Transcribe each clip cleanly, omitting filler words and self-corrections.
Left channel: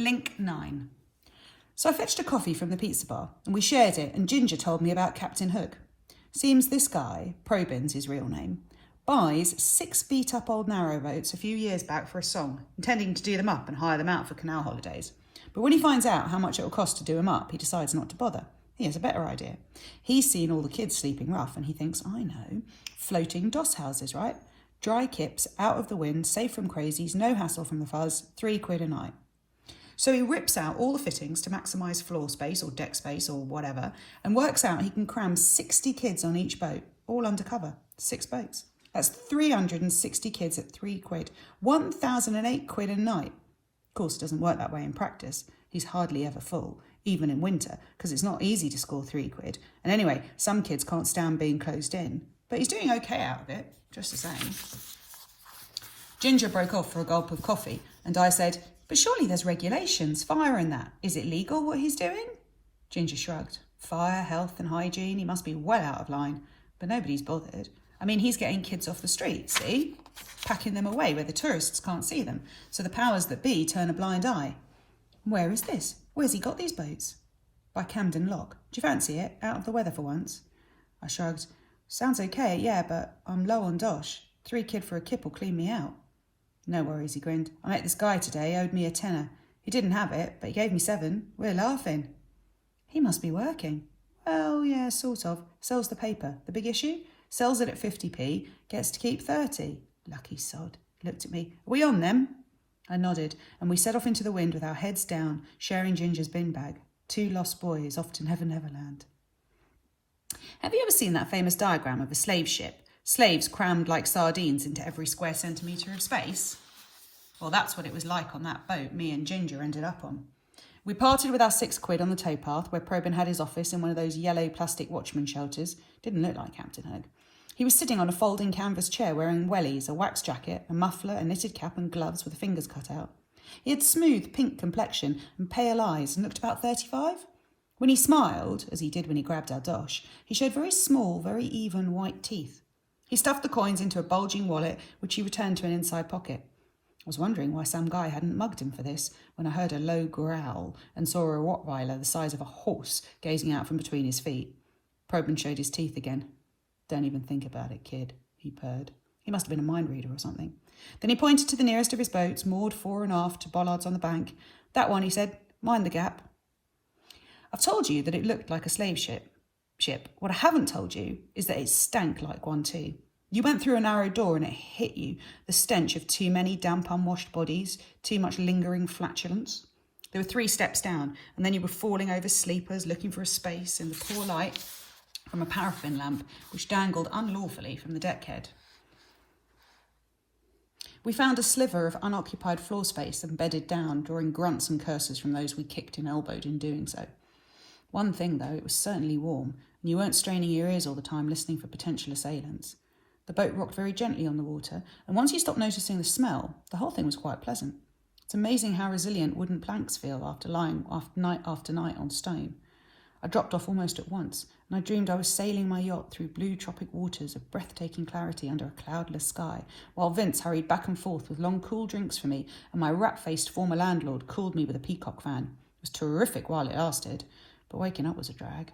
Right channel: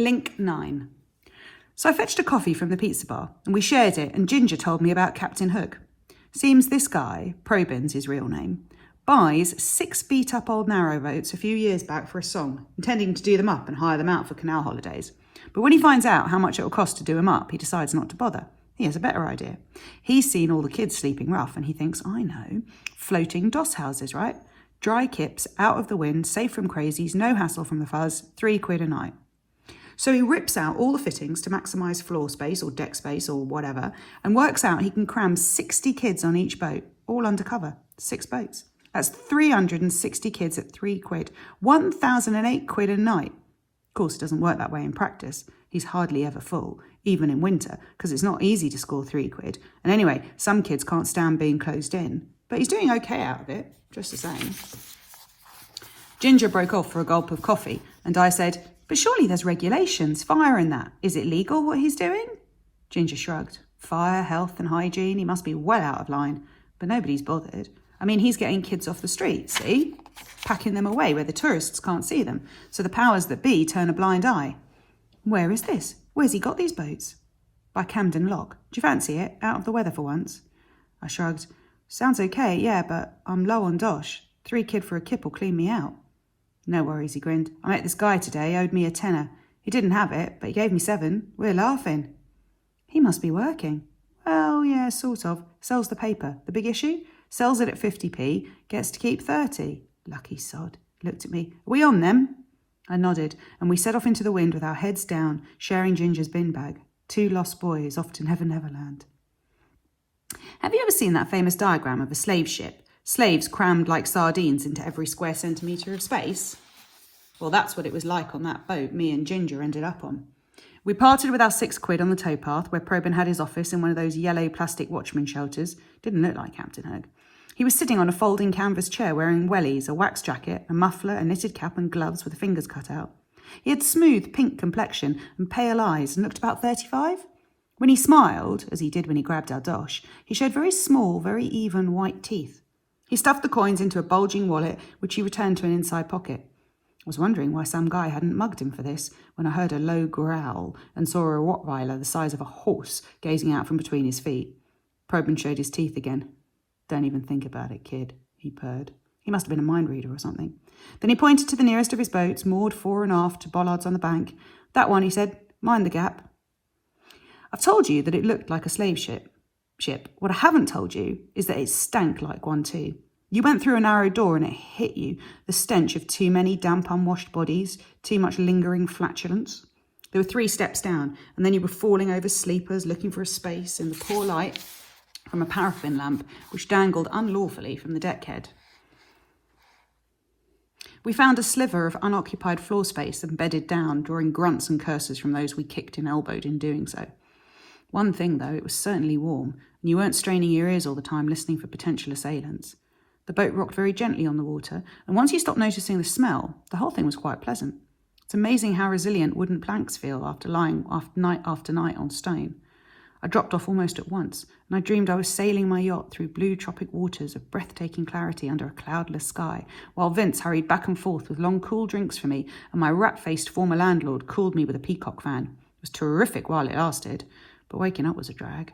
Link 9. So I fetched a coffee from the pizza bar and we shared it, and Ginger told me about Captain Hook. Seems this guy, Probyn's his real name, buys 6 beat-up old narrowboats a few years back for a song, intending to do them up and hire them out for canal holidays. But when he finds out how much it will cost to do them up, he decides not to bother. He has a better idea. He's seen all the kids sleeping rough and he thinks, I know, floating doss houses, right? Dry kips, out of the wind, safe from crazies, no hassle from the fuzz, £3 a night. So he rips out all the fittings to maximise floor space or deck space or whatever, and works out he can cram 60 kids on each boat, all undercover, 6 boats. That's 360 kids at £3, £1,008 a night. Of course, it doesn't work that way in practice. He's hardly ever full, even in winter, because it's not easy to score £3. And anyway, some kids can't stand being closed in. But he's doing okay out of it, just the same. Ginger broke off for a gulp of coffee, and I said, but surely there's regulations, fire and that. Is it legal what he's doing? Ginger shrugged. Fire, health and hygiene, he must be well out of line. But nobody's bothered. I mean, he's getting kids off the street, see? Packing them away where the tourists can't see them, so the powers that be turn a blind eye. Where is this? Where's he got these boats? By Camden Lock. Do you fancy it? Out of the weather for once? I shrugged. Sounds okay, yeah, but I'm low on dosh. £3 for a kip will clean me out. No worries, he grinned. I met this guy today, owed me a tenner. He didn't have it, but he gave me 7. We're laughing. He must be working. Oh, yeah, sort of. Sells the paper. The big issue? Sells it at 50p, gets to keep 30. Lucky sod. Looked at me. Are we on them? I nodded, and we set off into the wind with our heads down, sharing Ginger's bin bag. 2 lost boys off to Never Never Land. Have you ever seen that famous diagram of a slave ship? Slaves crammed like sardines into every square centimetre of space? Well, that's what it was like on that boat me and Ginger ended up on. We parted with our £6 on the towpath where Probyn had his office in one of those yellow plastic watchman shelters. Didn't look like Captain Hook. He was sitting on a folding canvas chair wearing wellies, a wax jacket, a muffler, a knitted cap and gloves with the fingers cut out. He had smooth pink complexion and pale eyes and looked about 35. When he smiled, as he did when he grabbed our dosh, he showed very small, very even white teeth. He stuffed the coins into a bulging wallet, which he returned to an inside pocket. I was wondering why some guy hadn't mugged him for this when I heard a low growl and saw a Rottweiler the size of a horse gazing out from between his feet. Probyn showed his teeth again. Don't even think about it, kid, he purred. He must have been a mind reader or something. Then he pointed to the nearest of his boats, moored fore and aft to bollards on the bank. That one, he said, mind the gap. I've told you that it looked like a slave ship. What I haven't told you is that it stank like one too. You went through a narrow door and it hit you, the stench of too many damp unwashed bodies, too much lingering flatulence. There were 3 steps down, and then you were falling over sleepers, looking for a space in the poor light from a paraffin lamp which dangled unlawfully from the deckhead. We found a sliver of unoccupied floor space and bedded down, drawing grunts and curses from those we kicked and elbowed in doing so. One thing, though, it was certainly warm, and you weren't straining your ears all the time listening for potential assailants. The boat rocked very gently on the water, and once you stopped noticing the smell, the whole thing was quite pleasant. It's amazing how resilient wooden planks feel after lying night after night on stone. I dropped off almost at once, and I dreamed I was sailing my yacht through blue tropic waters of breathtaking clarity under a cloudless sky, while Vince hurried back and forth with long cool drinks for me, and my rat-faced former landlord cooled me with a peacock fan. It was terrific while it lasted, but waking up was a drag.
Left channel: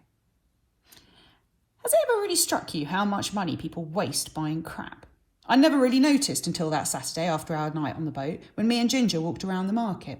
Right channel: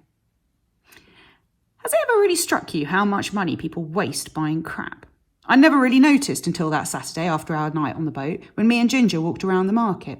Has it ever really struck you how much money people waste buying crap? I never really noticed until that Saturday after our night on the boat, when me and Ginger walked around the market.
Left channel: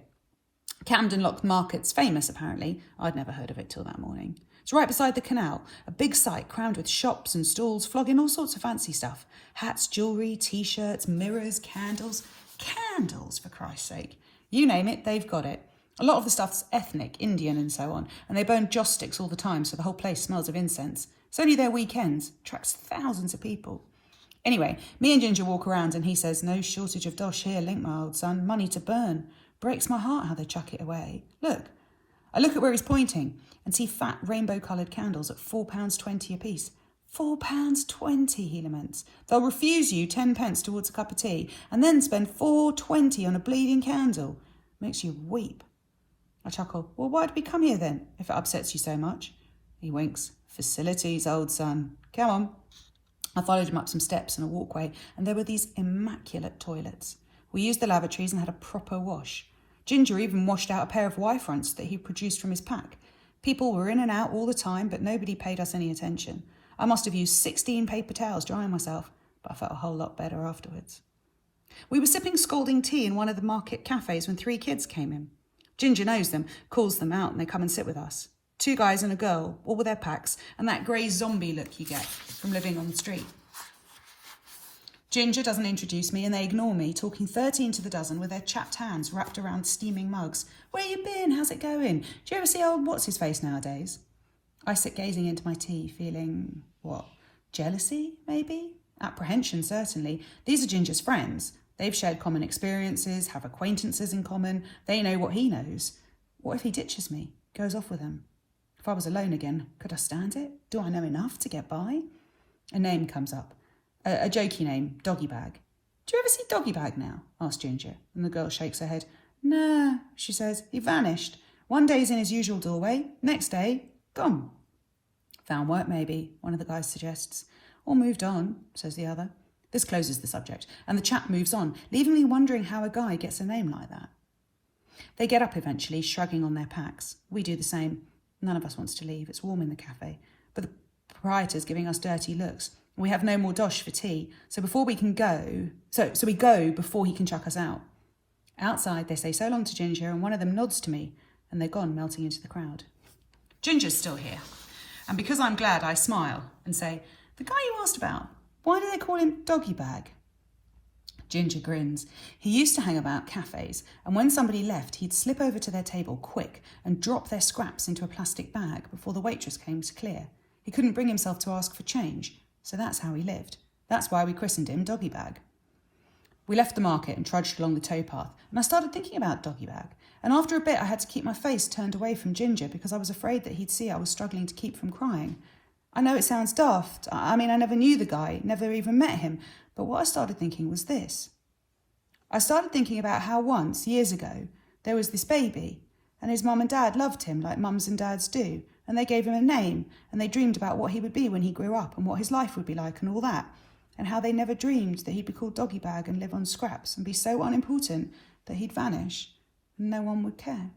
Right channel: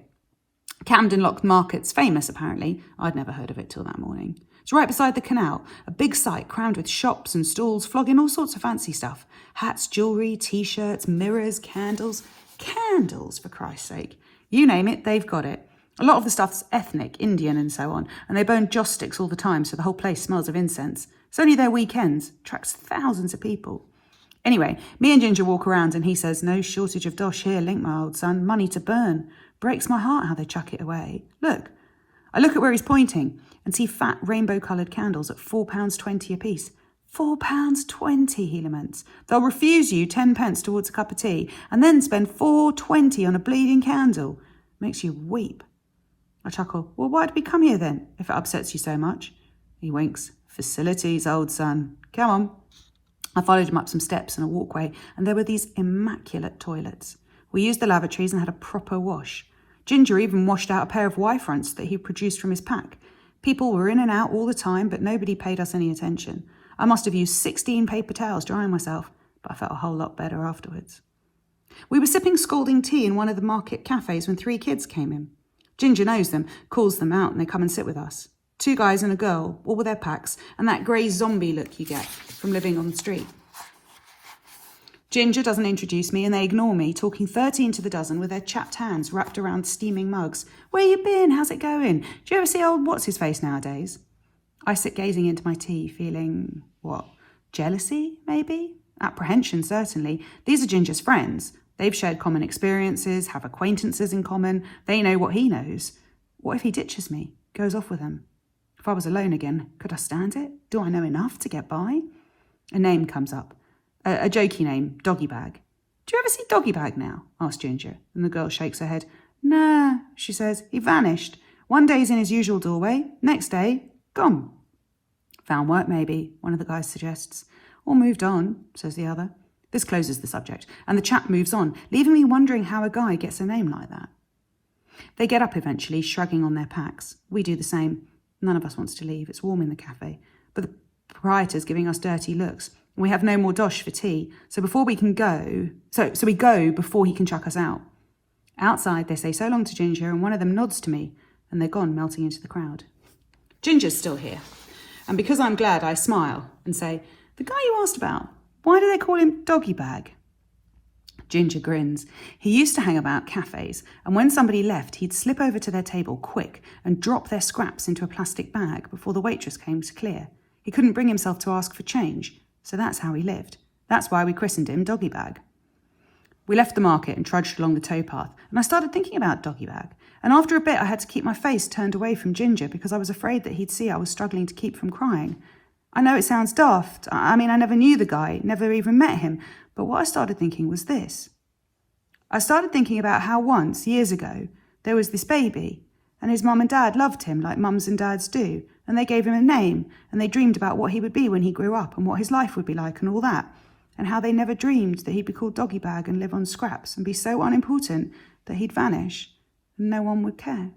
Camden Lock Market's famous, apparently. I'd never heard of it till that morning. It's right beside the canal, a big site crammed with shops and stalls flogging all sorts of fancy stuff. Hats, jewellery, T-shirts, mirrors, candles. Candles, for Christ's sake. You name it, they've got it. A lot of the stuff's ethnic, Indian and so on, and they burn joss sticks all the time, so the whole place smells of incense. It's only their weekends. Attracts thousands of people. Anyway, me and Ginger walk around and he says, no shortage of dosh here, Link, my old son. Money to burn. Breaks my heart how they chuck it away. Look. I look at where he's pointing and see fat rainbow-coloured candles at £4.20 apiece. £4.20, he laments. They'll refuse you 10p towards a cup of tea and then spend £4.20 on a bleeding candle. Makes you weep. I chuckle. Well, why'd we come here then, if it upsets you so much? He winks. Facilities, old son. Come on. I followed him up some steps and a walkway, and there were these immaculate toilets. We used the lavatories and had a proper wash. Ginger even washed out a pair of Y-fronts that he produced from his pack. People were in and out all the time, but nobody paid us any attention. I must have used 16 paper towels drying myself, but I felt a whole lot better afterwards. We were sipping scalding tea in one of the market cafes when 3 kids came in. Ginger knows them, calls them out, and they come and sit with us. 2 guys and a girl, all with their packs, and that grey zombie look you get from living on the street. Ginger doesn't introduce me and they ignore me, talking 13 to the dozen with their chapped hands wrapped around steaming mugs. Where you been? How's it going? Do you ever see old what's-his-face nowadays? I sit gazing into my tea, feeling, what, jealousy, maybe? Apprehension, certainly. These are Ginger's friends. They've shared common experiences, have acquaintances in common. They know what he knows. What if he ditches me, goes off with them? If I was alone again, could I stand it? Do I know enough to get by? A name comes up. A jokey name, Doggy Bag. Do you ever see Doggy Bag now? Asked Ginger, and the girl shakes her head. Nah, she says. He vanished. One day he's in his usual doorway. Next day, gone. Found work, maybe, one of the guys suggests. Or moved on, says the other. This closes the subject, and the chat moves on, leaving me wondering how a guy gets a name like that. They get up eventually, shrugging on their packs. We do the same. None of us wants to leave. It's warm in the cafe. But the proprietor's giving us dirty looks. And we have no more dosh for tea. So we go before he can chuck us out. Outside, they say so long to Ginger, and one of them nods to me, and they're gone, melting into the crowd. Ginger's still here. And because I'm glad, I smile and say, the guy you asked about, why do they call him Doggy Bag? Ginger grins. He used to hang about cafes, and when somebody left, he'd slip over to their table quick and drop their scraps into a plastic bag before the waitress came to clear. He couldn't bring himself to ask for change, so that's how he lived. That's why we christened him Doggy Bag. We left the market and trudged along the towpath, and I started thinking about Doggy Bag. And after a bit, I had to keep my face turned away from Ginger because I was afraid that he'd see I was struggling to keep from crying. I know it sounds daft. I never knew the guy, never even met him. But what I started thinking was this. I started thinking about how once, years ago, there was this baby, and his mum and dad loved him like mums and dads do, and they gave him a name, and they dreamed about what he would be when he grew up and what his life would be like and all that, and how they never dreamed that he'd be called Doggy Bag and live on scraps and be so unimportant that he'd vanish and no one would care.